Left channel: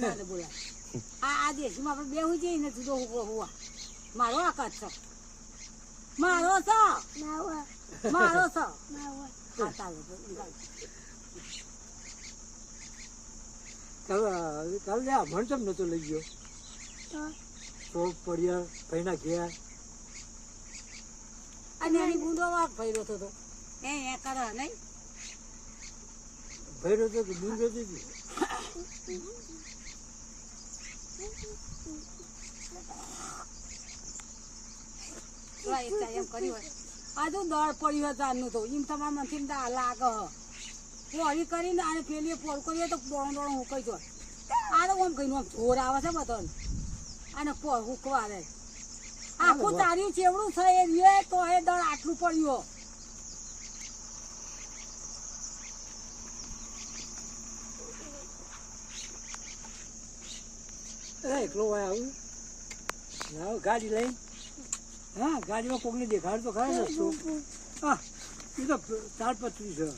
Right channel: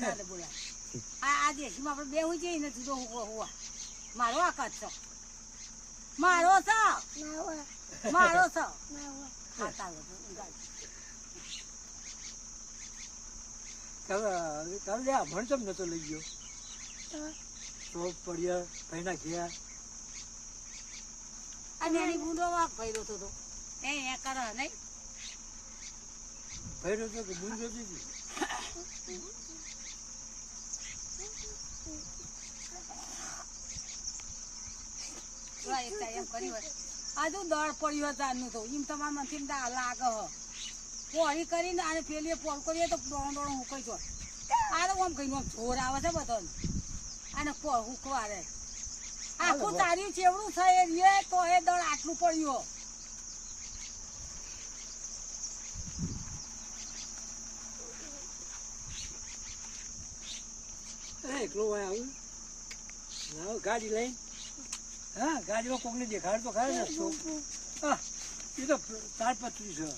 ના બોલાય આ દેશમાં આપણે બેહું જઈએ ને જુદો હોવા મારો આકાશ છે મારો છે મારો છે હા ચાલો કાલે આ મણ ચમ નતો લઈ ગયો તો પડ્યા ભાઈના ગયા અને એની બુંદો વાગ ભર્યો હતો એ કરે નહીં ભર્યો તો કે બુંદો દીધી એમ કર્યું આ તો દળ પડ્યું તારનું તો એમ તમારા મનથી લાગે પોળી કરીને અને પેલી પોળ કર્યો તો દોડો દોડો હુકાઈ જો આ તો આમ કહીને જોર આવે છે બધા અને પોળ હુકવા આવે આખું તારી ચેવડું છે એ તો એ દળ આટલું પડ્યું એકલો આવ્યું ના ગાડી લઈને હા ગાડીમાં કોકને દેખાડ તો ખરા રસ્તો હા એ તો તાડપત્રી છે